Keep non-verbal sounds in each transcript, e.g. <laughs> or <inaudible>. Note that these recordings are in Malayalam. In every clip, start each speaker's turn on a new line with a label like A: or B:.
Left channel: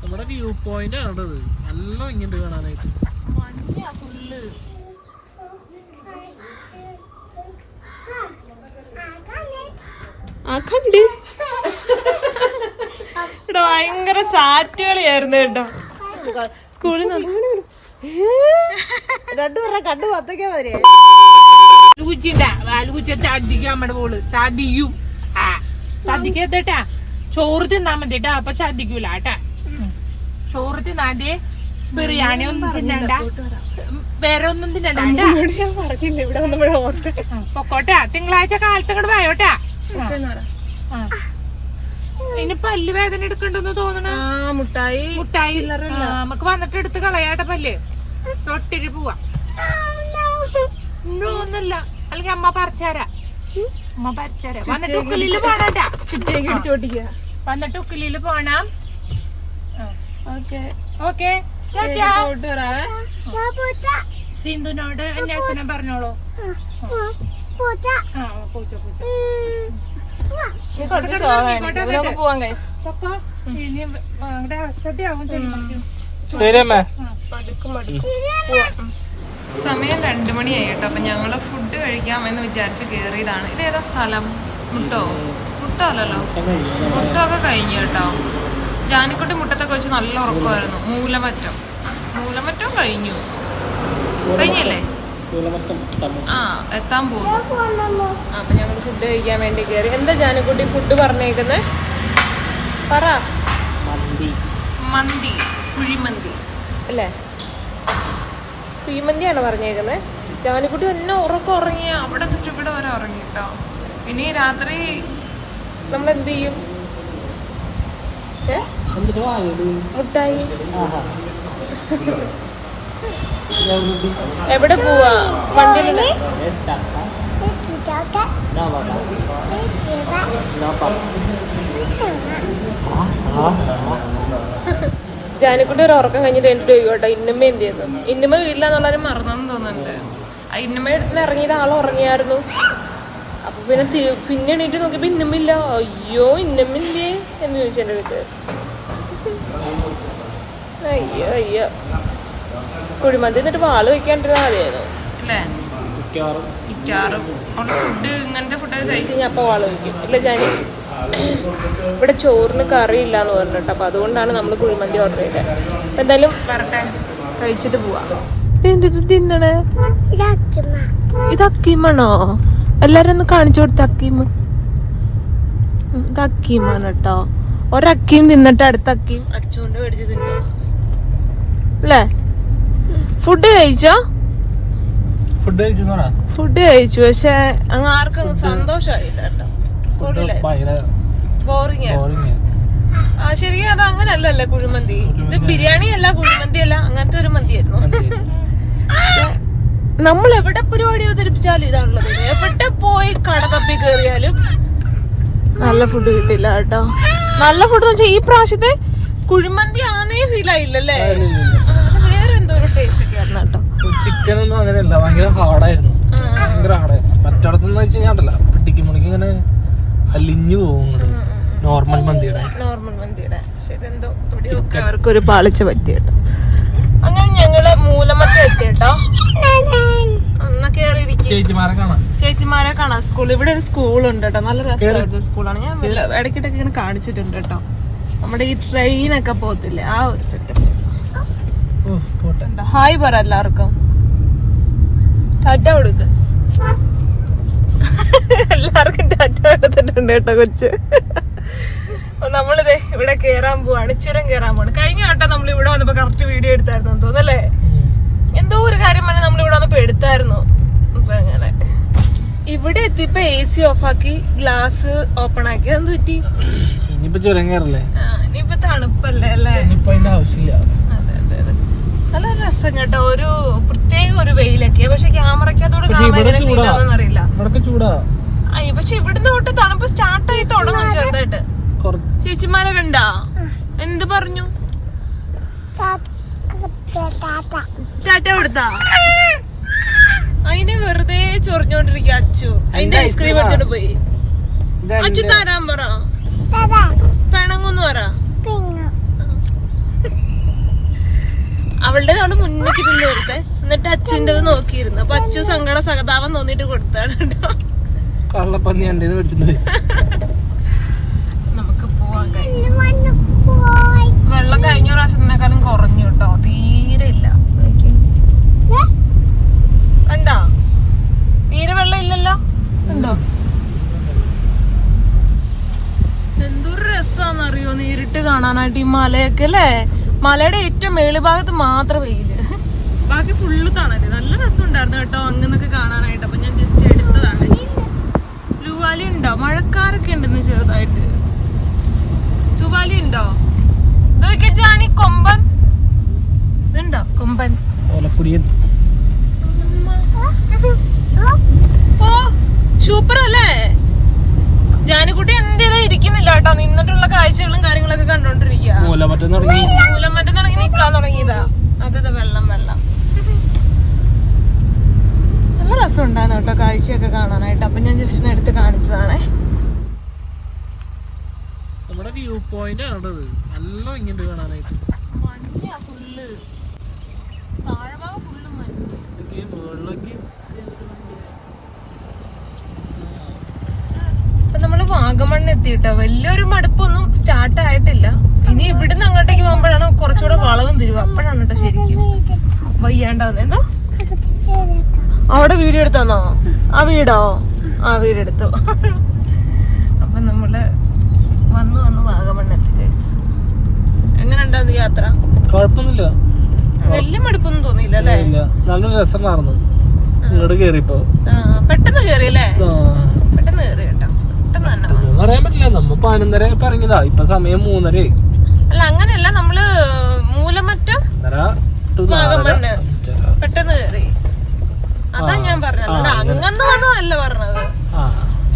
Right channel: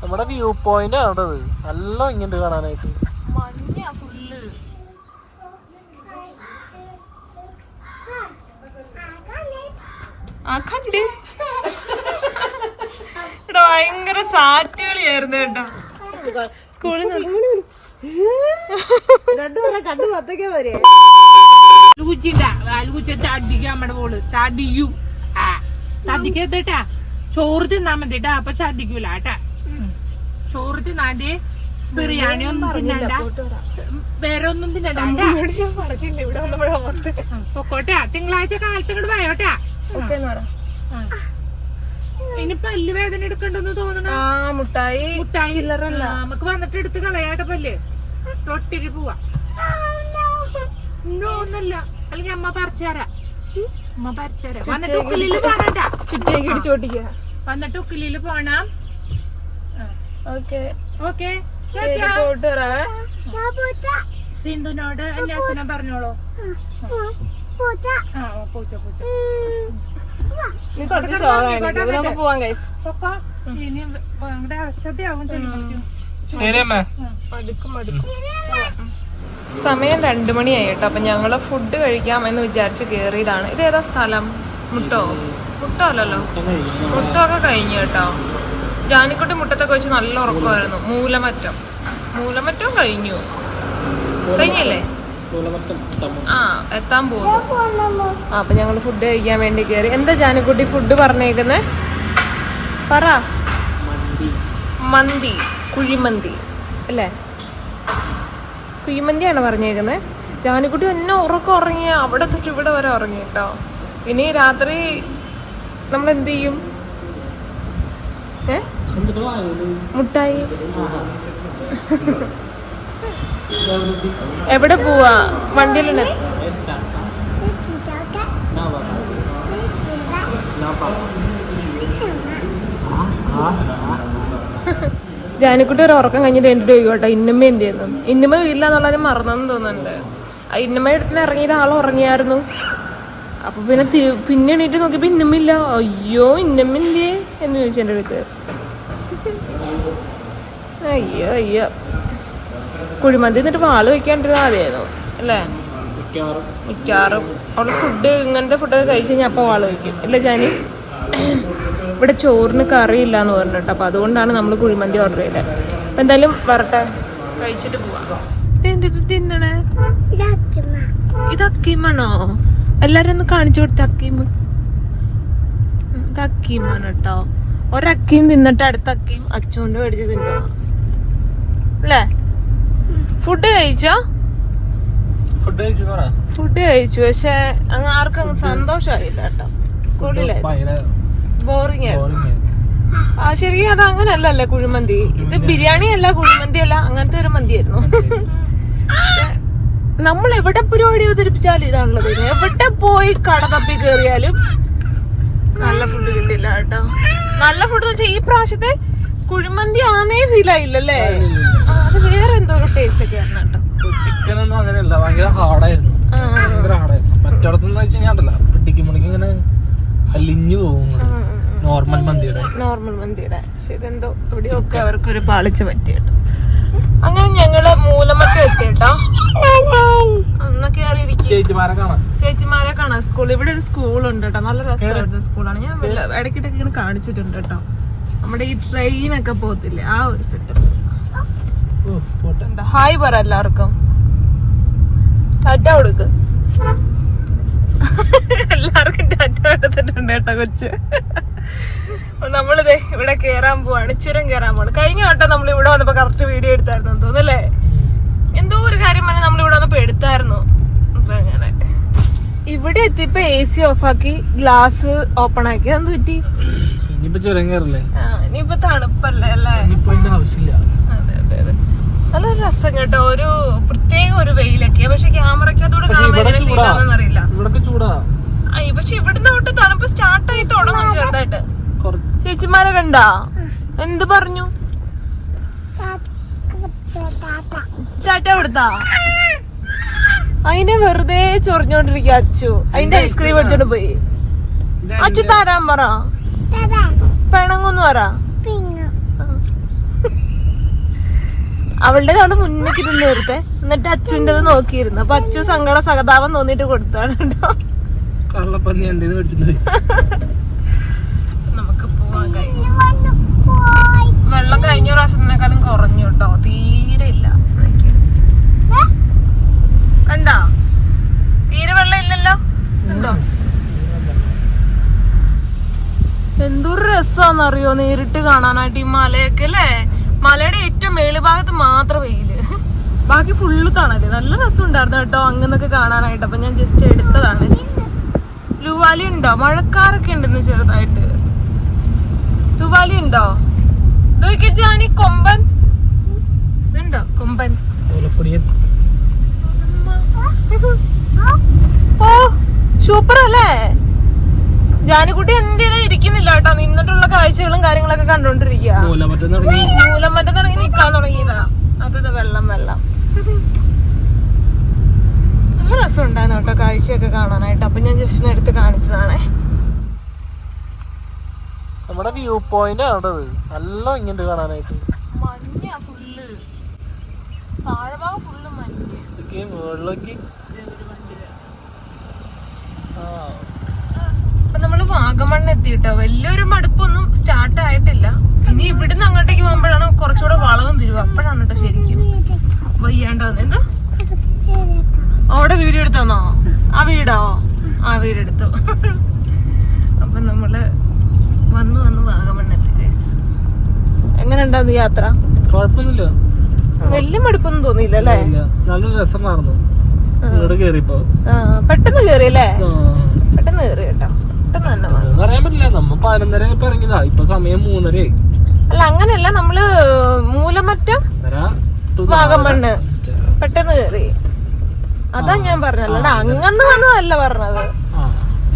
A: നമ്മുടെ വ്യൂ പോയിന്റ് ആണത് നല്ല ഇങ്ങോട്ട് കാണാനായിട്ട്.
B: ഇവിടെ ഭയങ്കര സാറ്റ് കളിയായിരുന്നു കേട്ടോ. സ്കൂളിൽ
C: കണ്ടു പത്തേക്കാ വരെ.
B: നമ്മുടെ പോൾ തടിയും തടിക്കത്തേട്ടാ ചോറ് തിന്നാ മതിട്ടാ അപ്പൊ ഛർദിക്കൂല കേട്ടാ. ചോറ് തിന്നാണ്ടേ ബിറിയാണി ഒന്നും തിന്നണ്ട. വേറെ ഒന്നും തിന്നണ്ട.
C: പറഞ്ഞില്ല. ഇവിടെ വന്നപ്പോഴാ ഓർത്ത്.
B: പൊക്കോട്ടാ. തിങ്കളാഴ്ച കാലത്ത് ഇങ്ങോട്ട് പോയോട്ടാ. ഇനി പല്ല് വേദന എടുക്കണ്ടെന്ന് തോന്നണ?
C: മുട്ടായി.
B: മുട്ടായി? നമുക്ക് വന്നിട്ട് എടുത്ത് കളയാട്ട പല്ല്. തൊട്ടിരി പോവാ. ഒന്നല്ല. അല്ലെങ്കിൽ അമ്മ പറിച്ചാരാ. അമ്മ പറിച്ചാരാ. വന്നിട്ട് ഉക്കിലിൽ പോണണ്ട. വന്നിട്ട് ഉക്കിലിൽ പോണം.
C: ഓക്കെ.
B: ഓക്കെ. സിന്ധുനോട് അന്യാസനം പറഞ്ഞോളൂ. ആ പൂച്ച. പൂച്ച. ഇനി ചെല്ലുമ്പോഴേക്കും
C: സമയം രണ്ടു മണിയായി കേട്ടോ അപ്പൊ ഞങ്ങൾ ഫുഡ് കഴിക്കാം എന്ന് വിചാരിച്ച് കേറിയതാണ്. ഇത് ഏതാ സ്ഥലം? മുട്ടോ? മുട്ടോ അല്ലല്ലോ? മുട്ടോ ഒക്കെ കഴിഞ്ഞു കേട്ടോ. ജാനിക്കുട്ടി മുട്ടത്തൊക്കെ വെച്ച് നല്ല ഉറക്കമായിരുന്നു. മൂലമറ്റം. മൂലമറ്റം കഴിഞ്ഞു. കഴിഞ്ഞല്ലേ? ആ എത്താൻ പോകുന്നു. അപ്പൊ ഞങ്ങൾ ഫുഡ് കഴിക്കാൻ വേണ്ടി കയറി എന്താ ജാനിക്കുട്ടി ഫുഡ് പറഞ്ഞേക്കുന്നേ? പറ.
A: മന്തി.
C: മന്തി. കുഴിമന്തി. അല്ലേ? കുഴിമന്തിയാണ് പറഞ്ഞേക്കുന്നത് ജാനിക്കുട്ടി എന്നെ ഉറക്കം ഉറങ്ങി അവിടെ തൊട്ട് ഇവിടെ വരെ ഉറങ്ങി കേട്ടോ ഇനി രാത്രി നമ്മൾ എന്ത് ചെയ്യും? മുട്ടായി എവിടെ പോവാ? ഒരു ഉറക്കം കഴിഞ്ഞിട്ട് എന്റെ ചോദിക്കോട്ടെ ഇന്നമ്മ എന്തായിരുന്നു ഇന്നമ്മ വീട്ടിലാന്ന് പറഞ്ഞാൽ മറന്നെന്ന് തോന്നുന്നുണ്ട്. ആ ഇന്നമ്മ ഇറങ്ങിയത് ആൾ ഉറങ്ങിയായിരുന്നു. പിന്നെ പിന്നെ എണീറ്റ് നോക്കിയപ്പോ ഇന്നമ്മ ഇല്ല. അയ്യോ ഇന്നമ്മ എന്ന് ചോദിച്ചു എന്റെ അടുത്ത് അയ്യോ അയ്യോ. കുഴിമന്തി എന്നിട്ട് പാൽ വെക്കാണ്ടിരുന്ന അറിയാം അല്ലേ?
A: മിക്കവാറും.
C: മിക്കവാറും. അവൾ ഫുഡ് ഇങ്ങനത്തെ ഫുഡൊക്കെ കഴിച്ച് ഞാൻ വാൾ വെക്കും ഇല്ല ഞാൻ ഇവിടെ ചോറിന് കറിയില്ല എന്ന് പറഞ്ഞിട്ട് അപ്പൊ അതുകൊണ്ടാണ് നമ്മൾ കുഴിമന്തി ഓർഡർ ചെയ്തത് അപ്പൊ എന്തായാലും വരട്ടെ. കഴിച്ചിട്ട് പോവാ. തിന്നണേ? ഇത് അക്കീമാണോ എല്ലാരും ഒന്ന് കാണിച്ചു കൊടുത്ത അക്കീമ ഇത് അക്കീമാണ് കേട്ടോ. ഒരക്കീം തിന്നിട്ട് അടുത്ത അക്കിയും അച്ചുകൊണ്ട് മേടിച്ച് തിന്നോ. അല്ലേ? ഫുഡ് കഴിച്ചോ?
A: ഫുഡ് കഴിച്ചു
C: ഫുഡ് കഴിച്ചു. പക്ഷെ അങ്ങ് ആർക്കും സന്തോഷമായില്ല ആ ശരി അത് അങ്ങനല്ലല്ലേ കുഴിമന്തി? ഇത് ബിരിയാണി അല്ല കുഴിമന്തി അല്ല അങ്ങനത്തെ ഒരു മന്തിയായിരുന്നു. നമ്മൾ എവിടെ പരിപാടി അവതരിപ്പിച്ചാലും ഇതാണുള്ളത് എവിടെ പോയി കട തപ്പി കയറിയാലും നല്ല ഫുഡ് കിട്ടില്ല കേട്ടോ. നല്ല ഫുഡ് എന്ന് വെച്ചാൽ ഈ പ്രാവശ്യത്തെ കുഴിമന്തി ആന്നേ ഫീൽ ആയില്ലല്ലേ? അത് വേറെ എന്തോ ഒരു ടേസ്റ്റ് ഒക്കെ ആയിരുന്നു കേട്ടോ.
A: ചിക്കൻ ഒന്നും അങ്ങനെയല്ല ഭയങ്കര ഹാർഡായിരുന്നു ഭയങ്കര ഹാർഡായിരുന്നു വെച്ച് കഴിഞ്ഞാൽ ഉണ്ടല്ലോ പിടിക്കുമ്പോഴേക്കും ഇങ്ങനെ അലിഞ്ഞു പോകും നോർമൽ മന്തിയുടെ.
C: നോർമൽ മന്തിയുടെ. പക്ഷെ ഇതെന്തോ പാളിച്ച പറ്റിയിട്ട് അങ്ങനെ ഞങ്ങൾ മൂലമറ്റം എത്തി കേട്ടോ. എന്നാ കേറി ഇരിക്കും
A: ചേച്ചിമാരെ കാണാം.
C: സ്കൂൾ ഇവിടെ ഒരു സ്കൂൾ ഉണ്ട് കേട്ടോ. നല്ല രസമായിട്ട് സ്കൂളാണ്. ഞാൻ ഇടയ്ക്കിടയ്ക്ക് ഇങ്ങനെ കാണിച്ചിട്ടുണ്ട് കേട്ടോ. നമ്മുടെ ഈ ട്രെയിൻ ഒക്കെ പോകത്തില്ലേ? ആ ഒരു എന്താ? ഹായ് പറ എല്ലാവർക്കും. ടാറ്റ കൊടുക്ക്. <laughs> എല്ലാവർക്കും ടാറ്റ എടുത്തിട്ടുണ്ട് കേട്ടോ കൊച്ച്. നമ്മളിതേ ഇവിടെ കേറാൻ പോവാണ്. ചുരം കേറാൻ പോവാണ്. കഴിഞ്ഞ വട്ടം നമ്മൾ ഇവിടെ വന്നപ്പോ കറക്റ്റ് വീഡിയോ എടുത്തായിരുന്നു തോന്നുന്നു അല്ലേ? എന്തോ ഒരു കാര്യം പറഞ്ഞാൽ നമ്മൾ ഇവിടെ വന്നപ്പോ എടുത്തായിരുന്നു. അപ്പൊ അങ്ങനെ. ഇവിടെ എത്തിയപ്പോ എ സി ഓഫ് ആക്കി ഗ്ലാസ് ഓപ്പൺ ആക്കി. അന്ന് പറ്റി?
A: ഇനിയിപ്പോ ചുരം കയറല്ലേ
C: ആ, ഇനിയിപ്പോ തണുപ്പല്ലേ അല്ലേ?
A: ആവശ്യമില്ല.
C: അതെ അതെ അതെ. നല്ല രസം കേട്ടോ. ഒരു പ്രത്യേക ഒരു വെയിലൊക്കെ. പക്ഷെ ക്യാമറയ്ക്ക്
A: അതോടെ.
C: ഫീൽ അറിയില്ല
A: ഇവിടൊക്കെ ചൂടാ.
C: അയ്യ പക്ഷെ ഇവിടുന്ന് തൊട്ട് തണുപ്പ് സ്റ്റാർട്ടായി തുടങ്ങും ചെറുതായിട്ട്.
A: കുറച്ച്
C: ചേച്ചിമാരെ കണ്ടാ? എന്ത് പറഞ്ഞു? ടാറ്റ കൊടുത്താ? അതിനെ വെറുതെ ചൊറിഞ്ഞോണ്ടിരിക്കുക അച്ചു. അതിന്റെ ഐസ്ക്രീം? അടിച്ചോണ്ട് പോയി. അച്ചു തരാൻ പറ. പിണങ്ങൊന്നു പറ. അവളുടെ അവിടെ മുന്നിൽ നിന്നെടുത്തെ എന്നിട്ട് അച്ഛന്റെ നോക്കിയിരുന്നു. അപ്പൊ അച്ഛൻ സങ്കട സഹതാപം തോന്നിട്ട് കൊടുത്താണ് കേട്ടോ
A: കള്ളപ്പന്നി എന്റെ മേടിച്ചിട്ടുണ്ട് <laughs>
C: പോവാൻ കഴിഞ്ഞു വെള്ളം കഴിഞ്ഞ പ്രാവശ്യത്തിനേക്കാളും കുറഞ്ഞു കേട്ടോ. തീരെ ഇല്ല. കണ്ടോ? തീരെ വെള്ളം ഇല്ലല്ലോ? ഉണ്ടോ എന്തൊരു രസാന്നറിയോ നേരിട്ട് കാണാനായിട്ട് ഈ മലയൊക്കെ അല്ലേ? മലയുടെ ഏറ്റവും മേളിഭാഗത്ത് മാത്രം വെയിൽ. ബാക്കി ഫുള്ള് തണൽ. നല്ല രസം ഉണ്ടായിരുന്നു കേട്ടോ അങ്ങനൊക്കെ കാണാനായിട്ട്. അപ്പൊ ഞാൻ ജസ്റ്റ് എടുത്തതാണ്. ലുവാലി ഉണ്ടോ? മഴക്കാരൊക്കെ ഉണ്ടെന്ന് ചെറുതായിട്ട്. ലുവാലി ഉണ്ടോ? ഇതൊക്കെ ജാനി കൊമ്പൻ. ഉണ്ടോ? കൊമ്പൻ.
A: ഓലപ്പൊടിയൻ
C: ഓ സൂപ്പർ അല്ലേ ജാനിക്കുട്ടി എന്ത് ചെയ്ത് ഇരിക്കുന്നില്ല കേട്ടോ. നിന്നിട്ടുള്ള കാഴ്ചകളും കാര്യങ്ങളൊക്കെ കണ്ടോണ്ടിരിക്കുക
A: മൂലമറ്റം തുടങ്ങി.
C: നിക്കാൻ തുടങ്ങിയതാ. അത് വെള്ളം വെള്ളം. നല്ല രസം ഉണ്ടായിരുന്നു കേട്ടോ കാഴ്ചയൊക്കെ കാണാനായിട്ട്. അപ്പൊ ഞാൻ ജസ്റ്റ് എടുത്ത് കാണിച്ചതാണേ.
A: നമ്മുടെ വ്യൂ പോയിന്റ് ആണത്. നല്ല ഇങ്ങോട്ട് കാണാനായിട്ട്. ഇതൊക്കെ മുകളിലേക്ക്
C: അപ്പൊ നമ്മൾ വാഗമണ്ണ് എത്തിയിട്ടോ? വലിയൊരു മടുപ്പൊന്നും സ്റ്റാർട്ട് ആയിട്ടില്ല. ഇനി ഇവിടുന്ന് അങ്ങോട്ടേക്ക് പോകുമ്പോഴാണ് കുറച്ചുകൂടെ വളവും തരുവ. അപ്പോഴാണ് കേട്ടോ ശരിക്കും വയ്യാണ്ടാന്ന് എന്തോ? അവിടെ വീഡിയോ എടുത്താന്നോ? ആ വീടോ? ആ വീടെടുത്തു. അപ്പൊ നമ്മൾ വന്ന് വന്ന് വാഗമണ്ണ് എത്തി guys. എങ്ങനെ ഉണ്ടായിരുന്നു യാത്ര?
A: കുഴപ്പമില്ല
C: വലിയ മടുപ്പൊന്നും തോന്നിയില്ല
A: നല്ല രസം നടന്നു ഇങ്ങോട്ട് കേറിയപ്പോ
C: പെട്ടെന്ന് കേറി അല്ലേ?
A: ആ,
C: പെട്ടെന്ന് കേറി കേട്ടോ. പെട്ടെന്ന് തന്നെ
A: പറയാൻ പറ്റില്ല. നമ്മ പതിനൊന്നര ആയപ്പോ ഇറങ്ങിയതാ ഇപ്പൊ സമയം മൂന്നര
C: അല്ല അങ്ങനെയല്ല. നമ്മൾ മൂലമറ്റം വാഗമണ്ണ്. പെട്ടെന്ന് കേറി. അതാ ഞാൻ പറഞ്ഞത്. അങ്ങനെ. വന്നതല്ല പറഞ്ഞത്.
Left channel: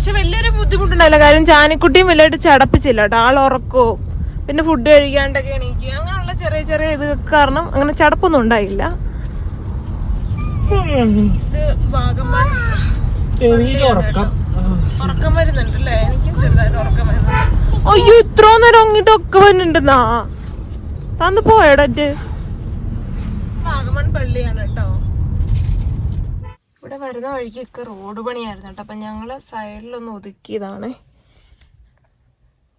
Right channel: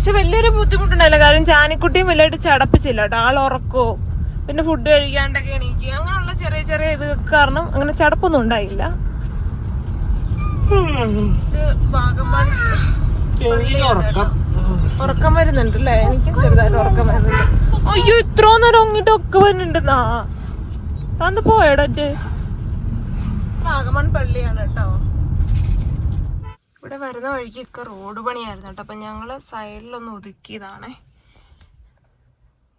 C: പക്ഷെ വലിയൊരു ബുദ്ധിമുട്ടുണ്ടല്ലോ കാര്യം ചാനിക്കുട്ടിയും വലിയായിട്ട് ചടപ്പിച്ചില്ല കേട്ടോ. ആൾ ഉറക്കോ പിന്നെ ഫുഡ് കഴിക്കാണ്ടൊക്കെ എണീക്കുക അങ്ങനെയുള്ള ചെറിയ ചെറിയ ഇത് കാരണം അങ്ങനെ ചടപ്പൊന്നും ഉണ്ടായില്ല. ഇത് വാഗമൺ
A: ഉറക്കം.
C: ഉറക്കം വരുന്നുണ്ട് അല്ലേ എനിക്ക് ചെറുതായിട്ട് ഉറക്കം വരുന്നുണ്ട്. അയ്യോ ഇത്ര നേരം അങ്ങോട്ട് ഒക്കെ വരുന്നുണ്ടെന്നാ താന്ന് പോയടറ്റ് വാഗമൺ പള്ളിയാണ് കേട്ടോ. ഇവിടെ വരുന്ന വഴിക്കൊക്കെ റോഡ് പണിയായിരുന്നു കേട്ടോ. അപ്പം ഞങ്ങൾ സൈഡിലൊന്ന് ഒതുക്കിയതാണ്.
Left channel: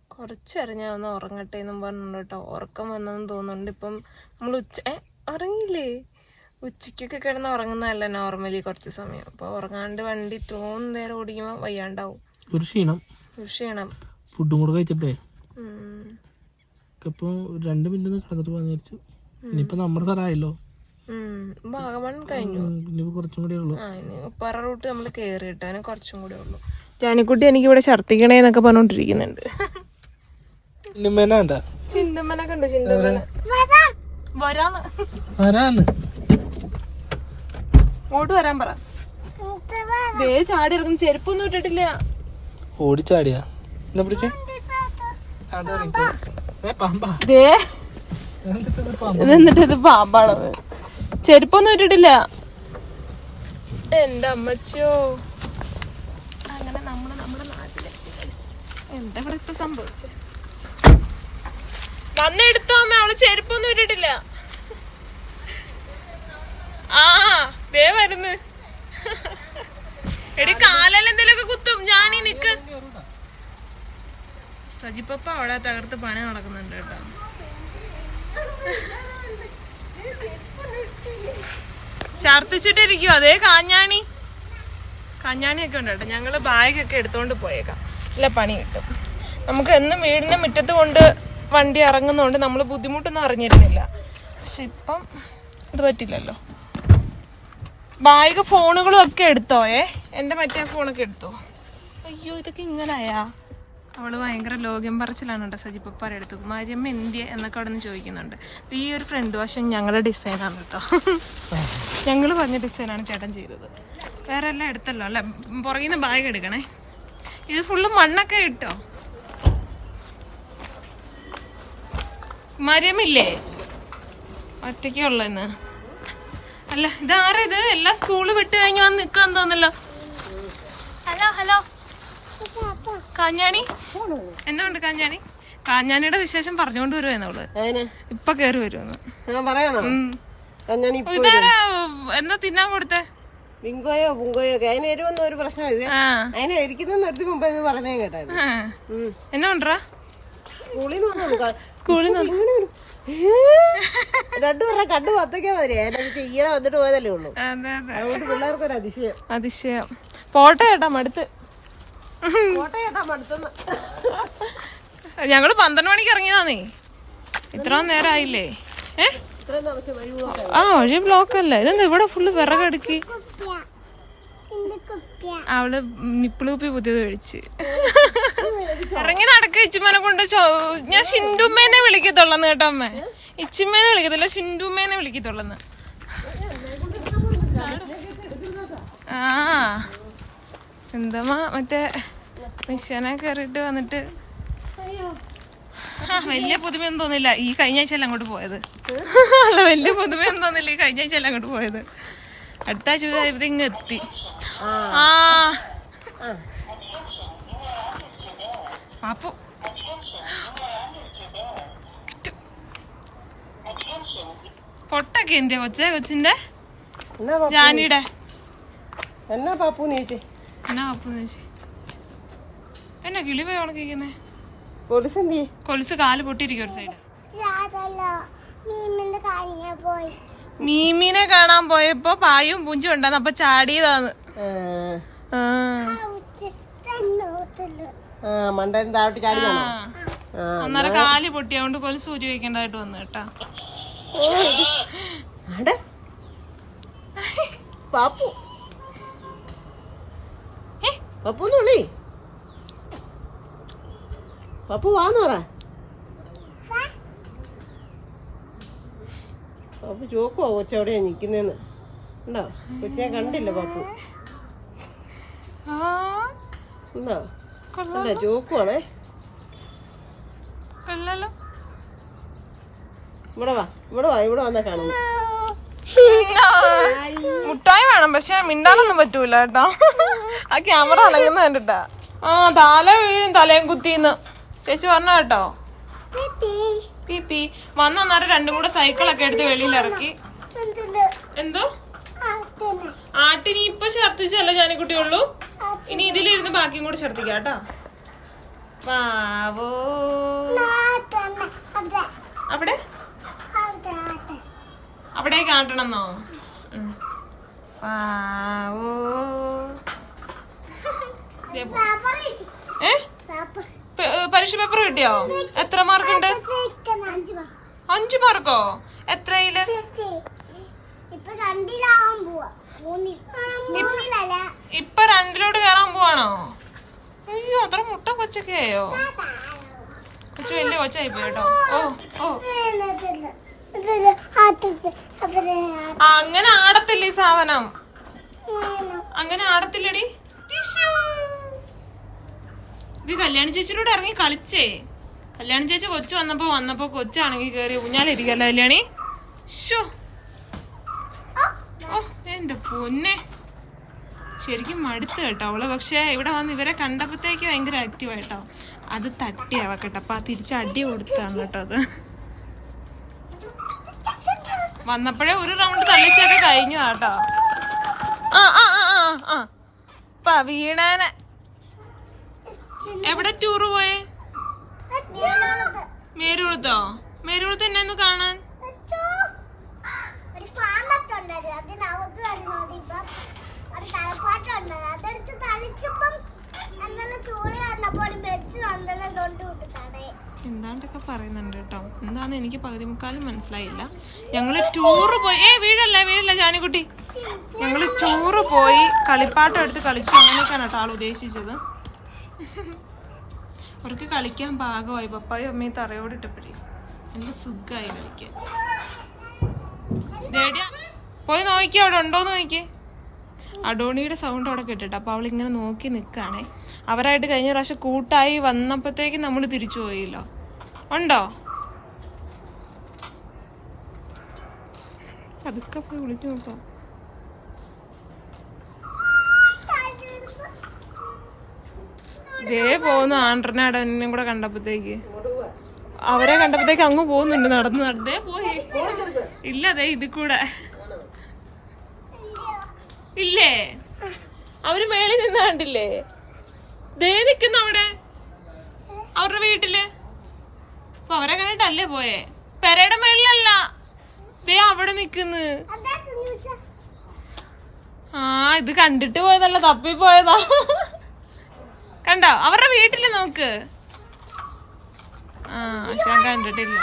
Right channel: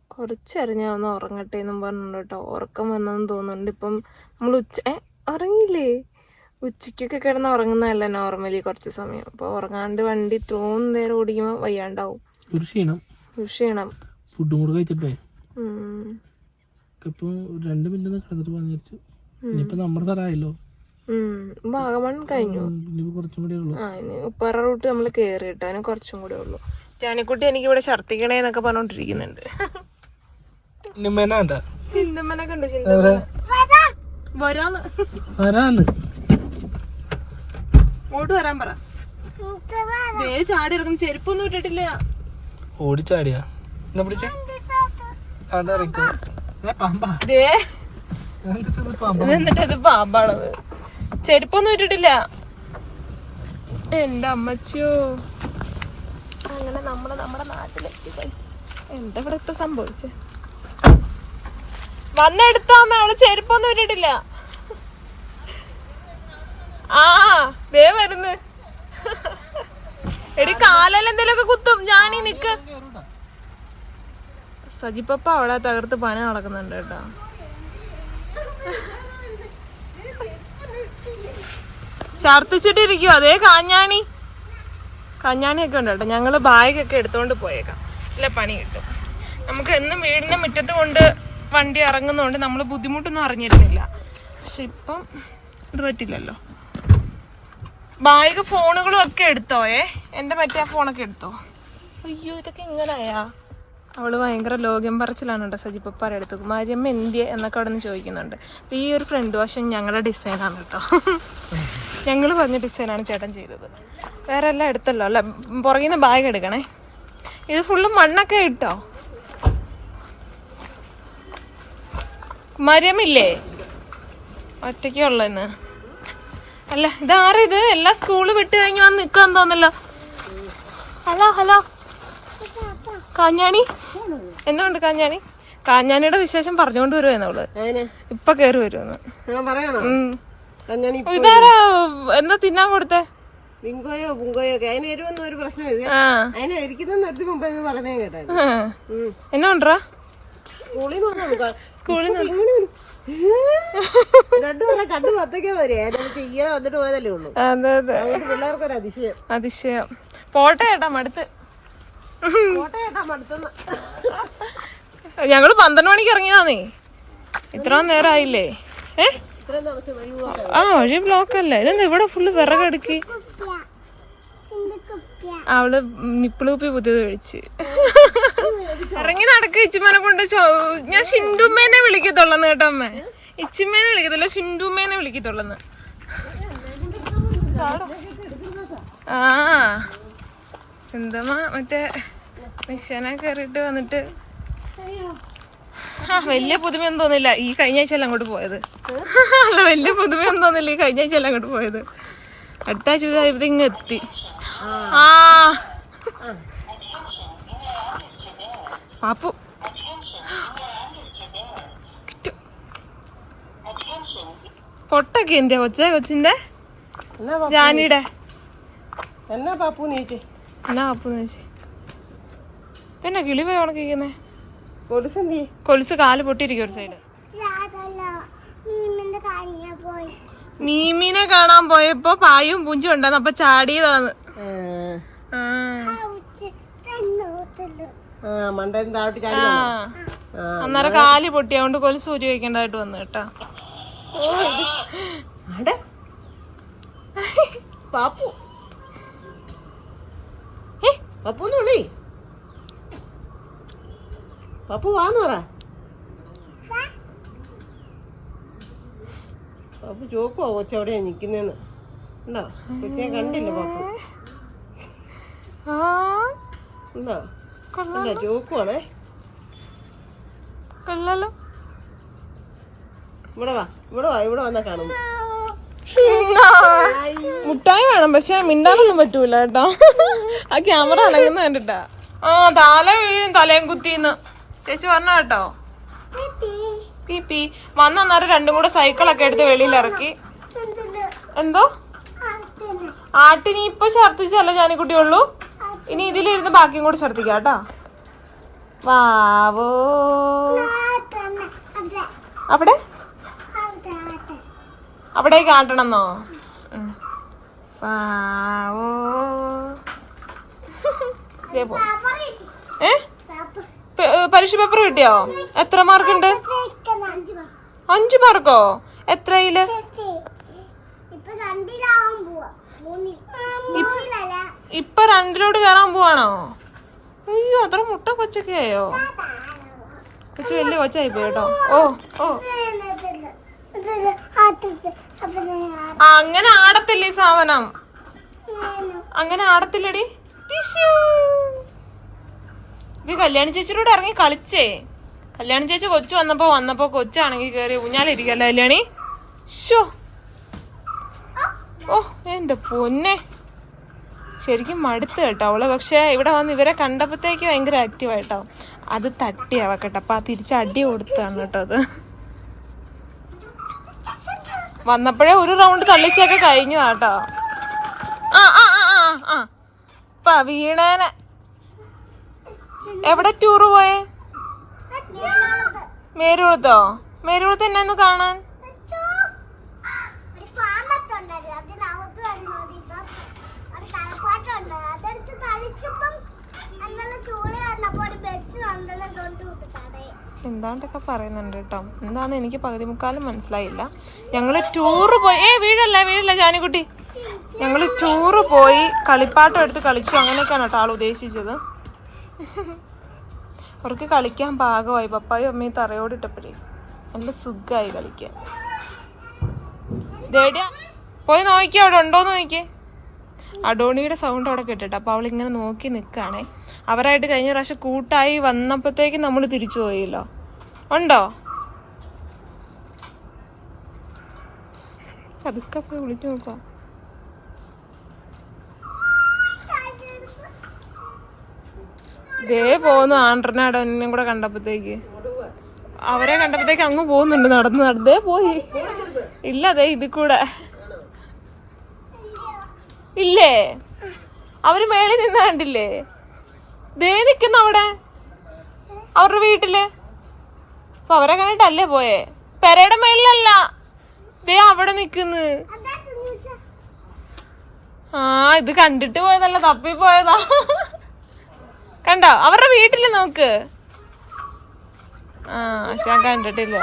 C: കുറച്ചേരം ഞാൻ ഒന്ന് ഉറങ്ങട്ടെ എന്നും പറഞ്ഞു കേട്ടോ. ഉറക്കം വന്നെന്ന് തോന്നുന്നുണ്ട്. ഇപ്പം നമ്മൾ ഉച്ച ഉറങ്ങിയില്ലേ? ഉച്ചയ്ക്കൊക്കെ കിടന്ന് ഉറങ്ങുന്നതല്ല നോർമലി കുറച്ച് സമയം. അപ്പോൾ ഉറങ്ങാണ്ട് വണ്ടി തോന്നുന്ന നേരം ഓടിക്കുമ്പോൾ വയ്യാണ്ടാവും.
A: ഒരു ക്ഷീണം.
C: ക്ഷീണം.
A: ഫുഡും കൂടെ കഴിച്ചിട്ടേ?
C: ഉം.
A: രണ്ട് മിനിറ്റ് കിടന്നിട്ട് പോകാന്ന് വിചാരിച്ചു. ഇനിയിപ്പോ നമ്മുടെ സ്ഥലമായല്ലോ.
C: വാഗമൺ കഴിഞ്ഞു.
A: കുറച്ചും കൂടെ ഉള്ളു.
C: ഉപ്പറ റൂട്ട് നമ്മൾ കയറി കേട്ടോ അതിന് കുറച്ചും കൂടെ ഉള്ളു. ജാനിക്കുട്ടി എനിക്ക് ഇവിടെ ഛർദ്ദിക്കണേ എന്നൊക്കെ പറഞ്ഞോണ്ടിരിക്കുന്നുണ്ട്.
A: നിമ്മേനാണ്ട
C: ചിന്തമ്മനെ കണ്ടു ചിന്തമ്മനെ വരാന്ന്.
A: ആരാണ്
C: ഇങ്ങോട്ട് വരാൻ പറ. ദേ ചാടി ഇറങ്ങും ചെരുപ്പൊന്നും ഇട്ടിട്ടില്ല.
A: ഓടിച്ചാടിയാ? എന്നാ പിടിച്ചേ? പാമ്പാ.
C: എന്നിട്ട് ഇത് പാമ്പാണത്? ചെരുപ്പൊന്നും ഇട്ടിട്ടില്ല. എന്റെ അമ്മച്ചോ അങ്ങനെ നമ്മൾ നമ്മുടെ നാട്ടിലെത്തി. എന്താ ഇവിടെ ഇപ്പൊ സംഭവിച്ചു വന്നെടുത്തോ അമ്മ അവൾ ചെരുപ്പൊന്നും ഇട്ടിട്ടില്ല. ആ ദേ വരുന്നു. എടി കാലെല്ലാം എന്തെങ്കിലുമൊക്കെ കുത്തും. ഞാനീ നിക്ക്. സജിപ്പപ്പ അവിടെ തകർത്ത് പണി നടക്കുന്നുണ്ട് കേട്ടോ. ഛർദിച്ചിട്ടിരിക്കുവോ അതേ കാഞ്ഞാണി. കാഞ്ഞാണിയൊക്കെ ഉണ്ട് കേട്ടോ. ഞങ്ങൾ ബാഗൊക്കെ എടുത്തോണ്ട് പോയേക്കാം. അല്ല പണി കിട്ടും. നമുക്ക് എന്നും വീടിന്റെ മുറ്റത്ത് കൊണ്ട് വണ്ടി ഇറങ്ങുന്നതുകൊണ്ട് നമ്മൾ ബുദ്ധിമുട്ടൊന്നും അറിഞ്ഞിരുന്നില്ല. പക്ഷെ ഇപ്പം ഇത് പറ്റില്ലല്ലോ. ബാഗ് ഫോണുകളും ഒക്കെ എടുത്തോ ഏ? എന്റെ മറ്റേ ഫോണൊക്കെ എടുത്തോ? അയ്യോ ഇതൊക്കെ ഇങ്ങനായാ? അവൾ ഭയങ്കര ലോകം പറച്ചിലാണ് കേട്ടോ സജിപ്പപ്പാരെ അടുത്ത് കുമാരിയമ്മ എന്തിയെ എന്നൊക്കെ അവിടെ നിന്ന് ചോദിക്കുന്നുണ്ട്. ഈ ഒരു ഫ്രണ്ട് വശം ഞങ്ങളുടെ ഡിസൈനാണ് കേട്ടോ. <laughs> ഞങ്ങൾ പറഞ്ഞ ഡിസൈനാണ് ചേട്ടൻ ചെയ്തത്. വേറെ എല്ലാം എടുത്തല്ലോ അല്ല? പുറകിൽ നിന്ന് ബാഗ് എടുക്കണേ. ഇത് ഫുള്ള് മണ്ണൊക്കെ ഇട്ടോ? കുമാരിയമ്മില്ലേ ഒറ്റയ്ക്കുള്ളന്ന് അല്ല ഇതാരിത് എല്ലാ സ്കൂൾ വിട്ട് കഴിഞ്ഞ് വന്ന് നിൽക്കാൻ തോന്നല്ലോ ഹലോ ഹലോ കാഞ്ഞാണി? എന്നാ ഉണ്ട് കാഞ്ഞാണി? കാഞ്ഞാണിയുടെ വിശേഷം പറഞ്ഞുകൊണ്ട് വരുവായിരുന്നു അവൾ. ഇപ്പൊ കേറി വരുമെന്ന് ഇതാരാ എന്താ തിന്നാൻ കൊടുത്തേ?
D: ബിങ്കോയോ ബുങ്കോയോ ഒക്കെ. അതിന് വരുമെന്ന് ഒരു പ്രശ്നം ഇത്
C: ആ.
D: ഇരിക്കുന്ന നിർത്തി മുമ്പ് പറഞ്ഞേ
C: കേട്ടോ. എന്നാ ഉണ്ടറാ?
D: സ്കൂളിൽ നിന്ന് സ്കൂളിൽ രണ്ടുപേരുടെ കണ്ടു പത്തേക്കാ അതിനത് ചെയ്യാൻ വന്നിട്ട് പോയതല്ലേ ഉള്ളൂ.
C: അതെ അതെ.
D: അതുകൊണ്ട് പിള്ളേർക്ക് ഒരു അതിശയം.
C: അതിശയം. പോട്ടെ ചേട്ടാ മടുത്ത്. ഞങ്ങൾ പന്ത്രണ്ട് മണിക്ക് ഇറങ്ങിയതാന്നേ. ഇത്ര ഏ?
D: താമസം വഴിപോക്കാ
C: ആ വഴി ബ്ലോക്ക് അല്ല ഇതെന്താ ഇവിടെ ഫുള്ള് വിറകടുക്കി അവൾ നിപ്പിൾ കുപ്പി പുതിയത് കഴിച്ച് ഇറങ്ങി നടക്ക ഇച്ചിമ്മനെ കൊണ്ട് ഞാൻ ഷിൻഡുമ്മേനെ വിളിക്കത്തുള്ളന്ന് കേട്ടോ അമ്മ. ഇച്ചിമ്മേനെ വിളിക്കത്തില്ല ഷിൻഡുമ്മേനെ വിളിക്കത്തുള്ളന്ന്. ആ എന്താ മറ്റേ മിഷനെ കയറിയിട്ട് വന്നിട്ട് ആ വലിയ പുതുമയൊന്നും തോന്നില്ല. ഈ കഴിഞ്ഞ ആഴ്ചയല്ല അങ്ങോട്ട് പോയത്. അല്ല വലിയ പുതുമയൊന്നും തോന്നില്ല. ഈ കഴിഞ്ഞ ആഴ്ചയല്ല അങ്ങോട്ട് പോയത്. അടുത്ത ആഴ്ച ഇവിടെ ഇങ്ങ് എത്തി. ആ. പാപ്പു. പൊട്ടൊക്കെ എന്തിയാ കൊച്ചേ കൊച്ചിന്റെ? ജാനിയുടെ.
D: എന്നാ പാപ്പു നീച്ചി
C: എന്നാ പാപ്പു വെച്ചേ പിന്നെ കിളി പോയി ഉണക്കിക്കുന്നേ കൊലുസ് കാൽ പൊട്ടിയിരിക്കും ഒരു സൈഡ്. മീമിനെ കാണാൻ പോയപ്പോ പായും പൂഞ്ചും ഉണ്ടായിരുന്നു. അപ്പൊ ചാടിയതാന്ന്. അന്നേരം കാൽ പൊട്ടി. അതുകൊണ്ട് കൊലുസ് ഊരി വെക്കേണ്ടതായിട്ട് വന്നു കേട്ടാ?
D: പാപ്പു.
C: ഏ?
D: പപ്പു പപ്പു വാന്ന് പറ. പപ്പു ചോക്കോ കൊച്ചെവിടെയാ നിക്കുന്നേന്ന്. ഉണ്ടോ? കൊച്ചിയെ കണ്ടില്ല പപ്പു? ഉണ്ടോ? അല്ല ചോക്കുവാണേ.
C: കൊള്ളാലോ.
D: ഇവിടെ വാ. ഇവിടെ വാ. ഇവിടെ വന്നാ കാണുന്നു.
C: മുട്ടായി വേണം പക്ഷെ മിണ്ടാനൊന്നും പറ്റൂല കേട്ടോ. ആ ക്യാമറ അളകുന്ന കണ്ടിട്ടാ. ആ തല വീഴും തലയും കുത്തിന്ന്. ചേച്ചി പറഞ്ഞ കേട്ടോ. പി പി വന്ന അന്നേരം രണ്ടും കൂടെ സൈക്കിളൊക്കെ എടുത്ത് വെളിയിൽ ഇറക്കി. എന്തോ? ആട്ടിനി. ഇപ്പൊ ഛർദിച്ചല്ല ജാനിക്കുട്ടി ഉള്ളൂ ഇനി ഇതിലിരുന്ന് ബാക്കിയും കൂടി ഛർദിക്കാം കേട്ടോ. വാവോ. അവിടെ. അവിടേക്ക് ആട്ടണമെന്നോ. വാവോ. ഏ, പരീക്ഷ പേപ്പർ കിട്ടിയോ? എത്ര മാർക്ക് ഉണ്ട് അഞ്ചു മാർക്കോ? എത്രയിൽ? ഇപ്പൊ രണ്ടിലോട്ട് കേറാൻ പോവാണോ? അയ്യോ അത്ര മുട്ട കൊച്ചൊക്കെ ആയോ കൊച്ചു വലിയ കൊച്ചായി പോയി കേട്ടോ. ഓ ഓ. അങ്ങനെ ആടത്തില്ല സാധനം? അങ്ങനെ ആടത്തില്ലടി. ടിഷ്യൂ. ഇത് കല്യാണി ചേച്ചിയോട് ഇറങ്ങി കളിച്ചേ. കല്യാണി ചേച്ചി കൊച്ചു വന്നപ്പോ വന്നപ്പോ കൊച്ചാണെങ്കിൽ കേറി ഊഞ്ഞാലിരിക്കല്ലോ കല്യാണി? ഷോ ഓ എന്റെ പൊന്നെ. ശരിക്കും മടുത്ത് കേട്ടോ അവൾ. പക്ഷെ ഇവിടെ വന്ന് ഇവരെ കണ്ടപ്പോഴത്തേക്ക് ഭയങ്കര ആക്റ്റീവ് ആയിട്ടോ. അത് തട്ടി കേട്ടോ. അപ്പൊ തിരിച്ച് അടി കൊടുത്താണ് കേട്ടോ അത്. വന്നപ്പോഴേ ഒരു റൗണ്ട് തള്ളിച്ചൊക്കെ കഴിഞ്ഞു കേട്ടോ. ആ ആ ആ ആ വീണേനെ എവിടെ ടൂറ് പോയേ? മേരുകുളത്തോ മേരുകുളത്ത് എന്നെ കാണാൻ? എന്താണ്ടൊക്കെ പറയുന്നുണ്ട് കേട്ടോ. എന്താന്ന് എനിക്ക് പകുതി മുക്കാലും മനസ്സിലായില്ല. ഞങ്ങൾ ടൂറ് പോയി. ഏ വീഴല്ല വീഴല്ല ജാനിക്കുട്ടി? ഞങ്ങൾ ടൂറ് പോയി കളിപ്പാട്ടം എടുത്ത് കളിച്ചു അങ്ങനെയൊക്കെയാണ് കേട്ടോ ആൾ ഉദ്ദേശിച്ചത്. അവർക്ക് കളിക്കാൻ പാകമായി. പപ്പായും അമ്മയും തറയോടിട്ടപ്പോഴേ നല്ല സുഖമായി കളിക്കാൻ. പോയി നോക്കി അവിടെ ഉണ്ടോന്ന് നോക്കിയേ അഡോണിയുടെ സൗണ്ട് അവിടെ കേട്ടിട്ട് അപ്പൊ അവൾ ഇങ്ങനെ നോക്കി നിൽക്കുകയാണേ അവരായിട്ട് കഴിഞ്ഞ പ്രാവശ്യം കൂട്ടായി വന്നപ്പോഴത്തേക്ക് നമ്മൾ തിരിച്ചു പോയില്ലോ. ഉണ്ടോ? പതുക്കെ പോയി വിളിച്ചു നോക്കാം. ദേ പോകുന്നു ആൻഡ്രനെ അടവനും കൂടെ കണ്ടപ്പോഴത്തേക്ക്. അവരെ കണ്ടപ്പോഴത്തേക്ക് അങ്ങ് പോകുന്നുണ്ട്. നടന്ന് നടന്നേ. പോയി. ഇല്ല അതെ ഇതിൽ കൂടെ. ഇല്ലേ? അവർ മേളിൽ നിന്ന് കണ്ടില്ലേ? ദേ നിക്കുന്ന അവിടെ. അവരുടെ വീട്ടിൽ. അപ്പൊ അവരെ കണ്ടിട്ടല്ലേ പോയേ? പെരയുടെ മേളിലല്ല. ദേ അവിടെ നിക്കുന്നു ആ ഇത് കണ്ടിട്ട് പോയതല്ല തപ്പി പോയതാ. കണ്ടോ? അവരുടെ വീട്ടിൽ നോക്ക്. ആ ഞാൻ കണ്ടിട്ടില്ല.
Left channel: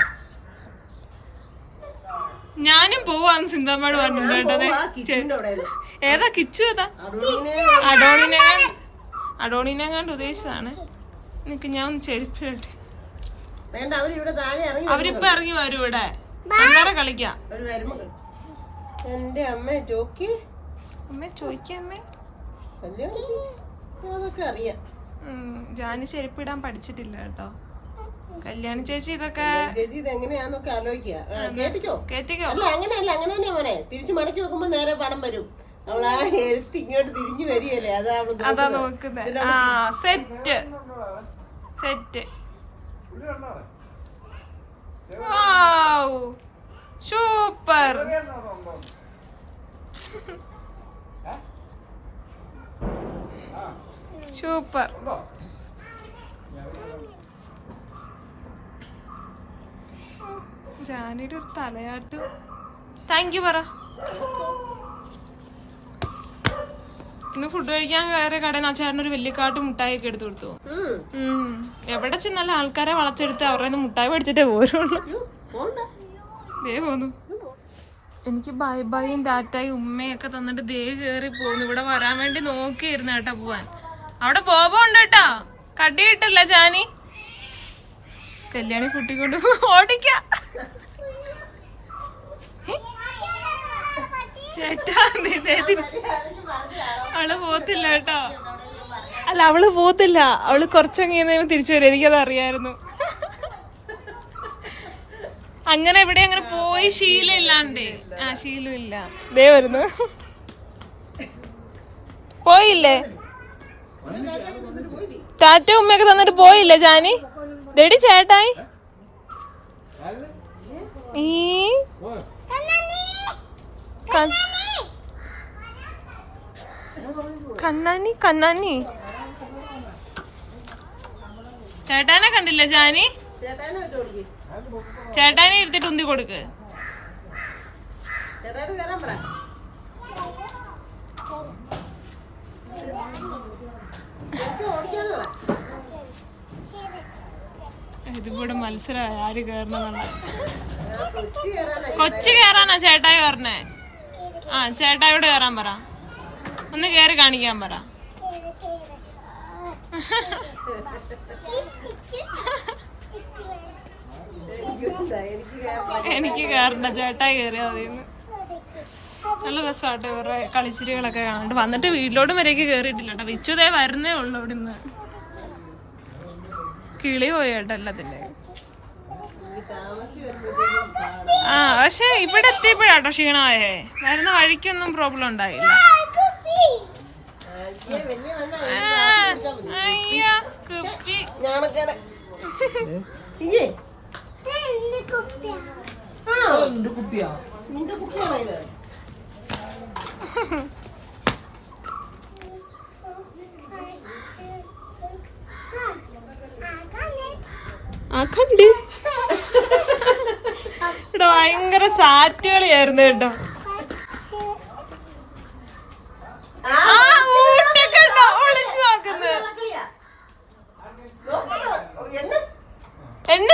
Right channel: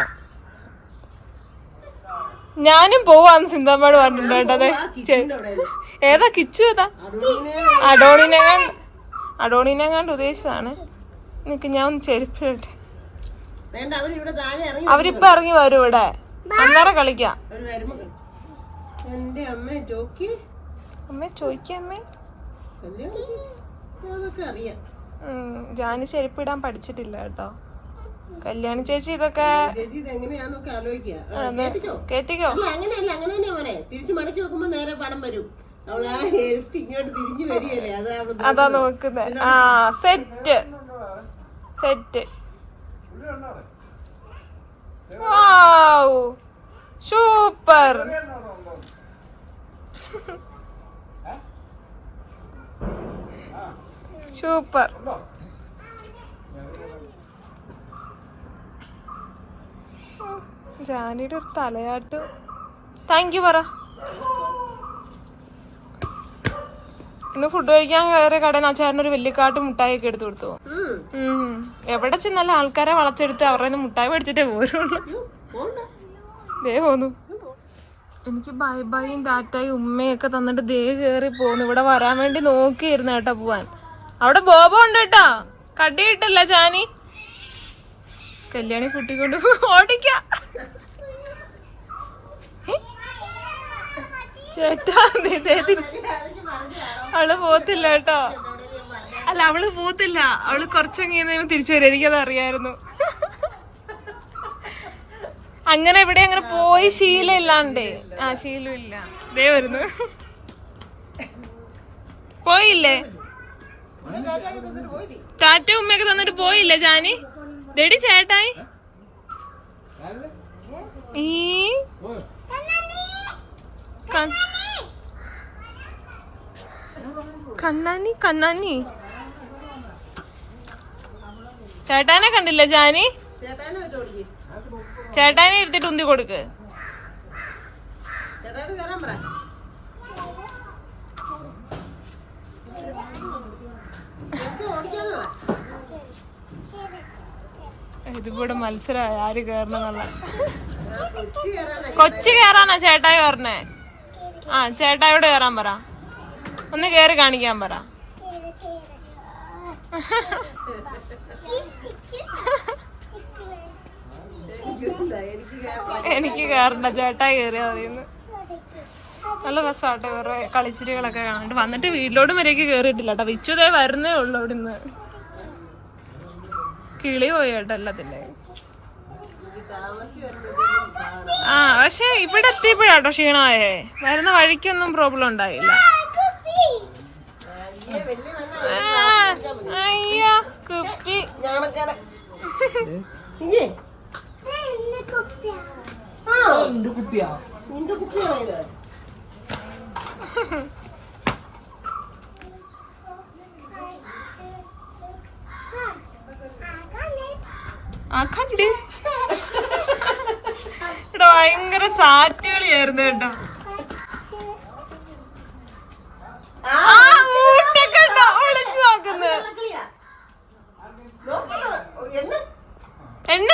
C: ഞാനും പോവാന്ന് സിന്താമ്മയോട് പറഞ്ഞിട്ടുണ്ട് ഏതാ കിച്ചു ഏതാ? അഡോണിനെ അഡോണിനെ കണ്ട് ഉദ്ദേശിച്ചതാണ്. നിനക്ക് ഞാൻ ഒന്ന് ചെരുപ്പിട്ടെ അവരിപ്പൊ ഇറങ്ങി വരും ഇവിടെ. അന്നേരം കളിക്കാം.
D: എന്റെ അമ്മ ചോക്കി
C: അമ്മേ ചോദിക്കമ്മേ
D: കല്യാണം അതൊക്കെ അറിയാം.
C: ജാനി ചെരുപ്പിടാൻ പഠിച്ചിട്ടില്ല കേട്ടോ. കല്യാണി ചേച്ചി ഇതൊക്കെ
D: ചേച്ചി ഇത് എങ്ങനെയാന്നൊക്കെ കേട്ടിക്കോ? അല്ല അങ്ങനെയല്ല അങ്ങനെ തന്നെയാ മോനെ. തിരിച്ചു മടക്കി വെക്കുമ്പോ നേരെ പടം വരും. അവളാ എഴുത്ത് ഇങ്ങോട്ട് തിരിഞ്ഞു വരികയല്ലേ? അതാ നോക്കുന്നേ
C: അതാ നോക്കുന്നത്. ആ സെറ്റ് സെറ്റ് സൂപ്പർ സൂപ്പർ. ജാനിയുടെ ഒരു തലയാട്ട്. താങ്ക് യു പറ. ഇന്ന് ഫുഡ് കഴിക്കാൻ കയറിയ കടയിൽ ആ ചേട്ടൻ ഒരു വലിയ കാട്ട് മുട്ടായി ഒക്കെ എടുത്തു കൊടുത്തു. എവിടെ ചെന്നാലും ആൾക്കാരെ വളച്ചെടുത്ത് അവരുടെ മുട്ടായി മേടിച്ചിട്ടേ പോരുള്ളൂ. ദേ പോന്നു. എനിക്ക് ബൈ ബൈയും ടാറ്റായും ഉമ്മയൊക്കെ തന്നിട്ട് ദേ കയറി പോന്നു. ഇവിടെ വരാൻ വേണ്ടി നോക്കിയിരുന്നു കേട്ടോ പോവാൻ. അവിടെ ബോബ ഉണ്ട് കേട്ടാ. കടി കിട്ടില്ല ജാനി. കല്യാണി കുട്ടിക്കൊണ്ട് ഓടിക്ക. ചേട്ടാ അവൾ പോത്തില്ല കേട്ടോ. അല്ല അവൾ പോത്തില്ല. അവൾ കുറച്ചങ്ങനെ തിരിച്ചു വരും. എനിക്കത് അറിയായിരുന്നു. അങ്ങനെ ഇവിടെ അങ്ങനെ പോയി ശീലം ഇല്ലാണ്ടേ. ആ ശീലം ഇല്ല. ദേ വരുന്നു. പോയില്ലേ? ടാറ്റ ഉമ്മയൊക്കെ തന്നിട്ട് പോയില്ല ജാനി? ദടി ചേട്ടായി? കണ്ണാനി കണ്ണാനി ചേട്ടാനെ കണ്ടില്ല ജാനി?
D: ചേട്ടാനെ
C: എടുത്തിട്ട് ഉന്തി കൊടുക്ക്.
D: ചേട്ടായിട്ട് കയറാൻ പറ ചേട്ടൻ ഓടിക്കാന്ന് പറ
C: ഇതിവിടെ മത്സരമായി ആര് കേറണമെന്നുള്ള.
D: കൊച്ചി
C: കേറാനാ ചേട്ടായി പറഞ്ഞേ ആ ചേട്ടായോട് കേറാൻ പറ. ഒന്ന് കേറി കാണിക്കാൻ പറ. എനിക്ക് കേറണ്ട. ചേട്ടായി കേറിയാ മതിയെന്ന്. നല്ല രസമാട്ടെ ഇവരുടെ കളിച്ചിരികളൊക്കെ കാണാണ്ട് വന്നിട്ട് വീട്ടിലോട്ടും വരെയൊക്കെ കേറിയിട്ടില്ല കേട്ടോ. വിച്ചുതേ വരുന്നേ ഉള്ളു ഇവിടുന്ന്. കിളി പോയിട്ടല്ല അതിന്റെ ആ പക്ഷെ ഇവിടെ എത്തിയപ്പോഴാട്ടോ ക്ഷീണമായേ. വരുന്ന വഴിക്കൊന്നും പ്രോബ്ലം ഉണ്ടായില്ല. ആ, അയ്യോ കുപ്പി.
A: കുപ്പിയാ.
D: നിന്റെ കുപ്പിയാണോ ഇത്? <laughs>
C: ആ കണ്ട് ഇവിടെ ഭയങ്കര സാറ്റ് കളിയായിരുന്നു കേട്ടോ.
D: എണ്ണ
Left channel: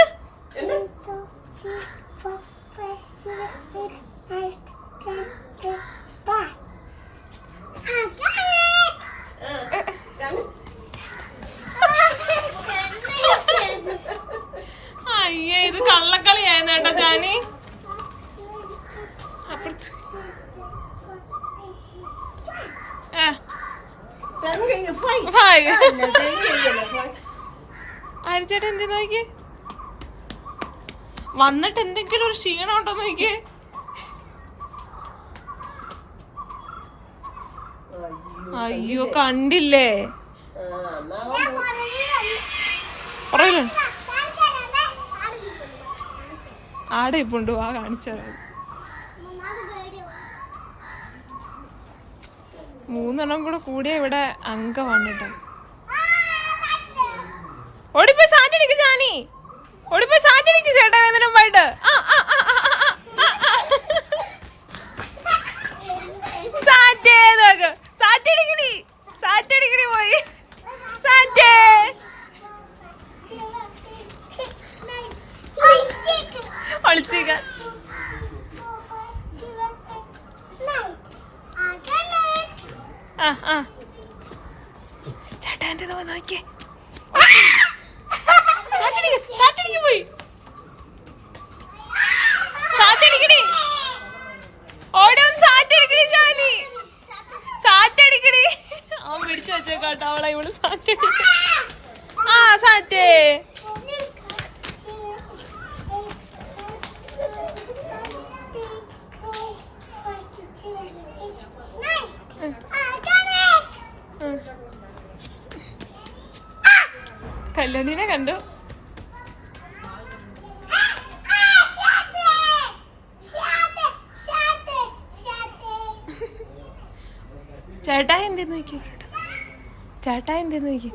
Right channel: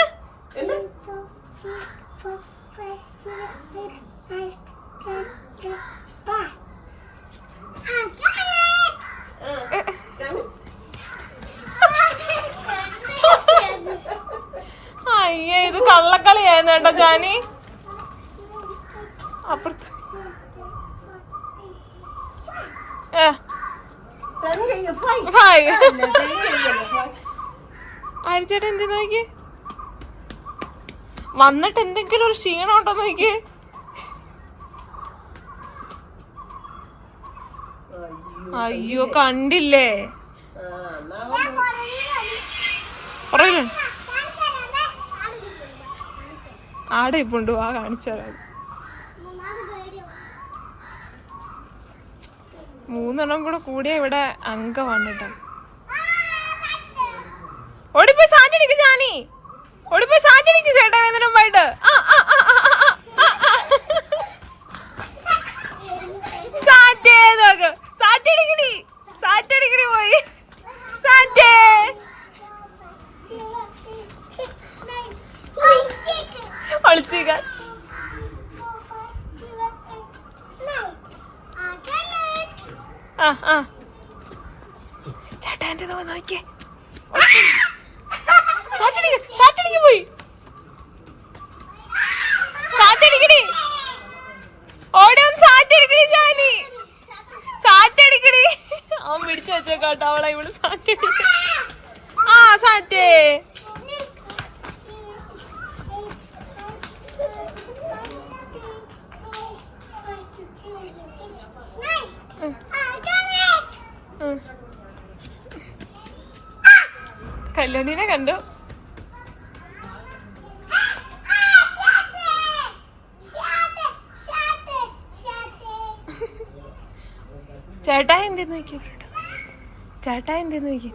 C: മനസ്സിലായി അരിച്ചേട്ടൻ എന്ത് നോക്കി വന്നിട്ട് എന്തെങ്കിലും ഒരു ക്ഷീണം ഉണ്ടോ നോക്കി അയ്യോ കണ്ടില്ലേ? പറയല്ലേ ആടെ ഇപ്പുണ്ട്. ആ കാണിച്ചാൽ മൂന്നെണ്ണം കൂടെ കൂടിയ ഇവിടെ അംഗം വന്നിട്ടാണ് ഓടിപ്പോ സാറ്റടിക്ക് ജാനി. ഓടിപ്പോ സാറ്റടിക്ക് ചേട്ടാ വേദനമായിട്ട് ആ ആ. വല്ലോണിനെ കണ്ടു. ചേട്ടാ എന്തെന്ന് നോക്കി? ചേട്ടാ എന്തെന്ന് നോക്കി?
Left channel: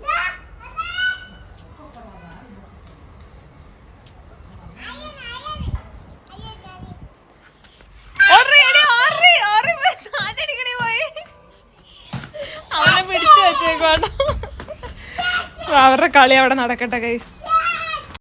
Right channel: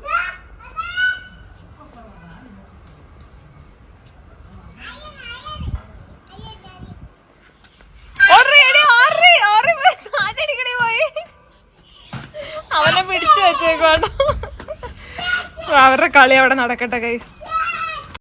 C: കളി അവിടെ നടക്കട്ടെ ഗൈസ്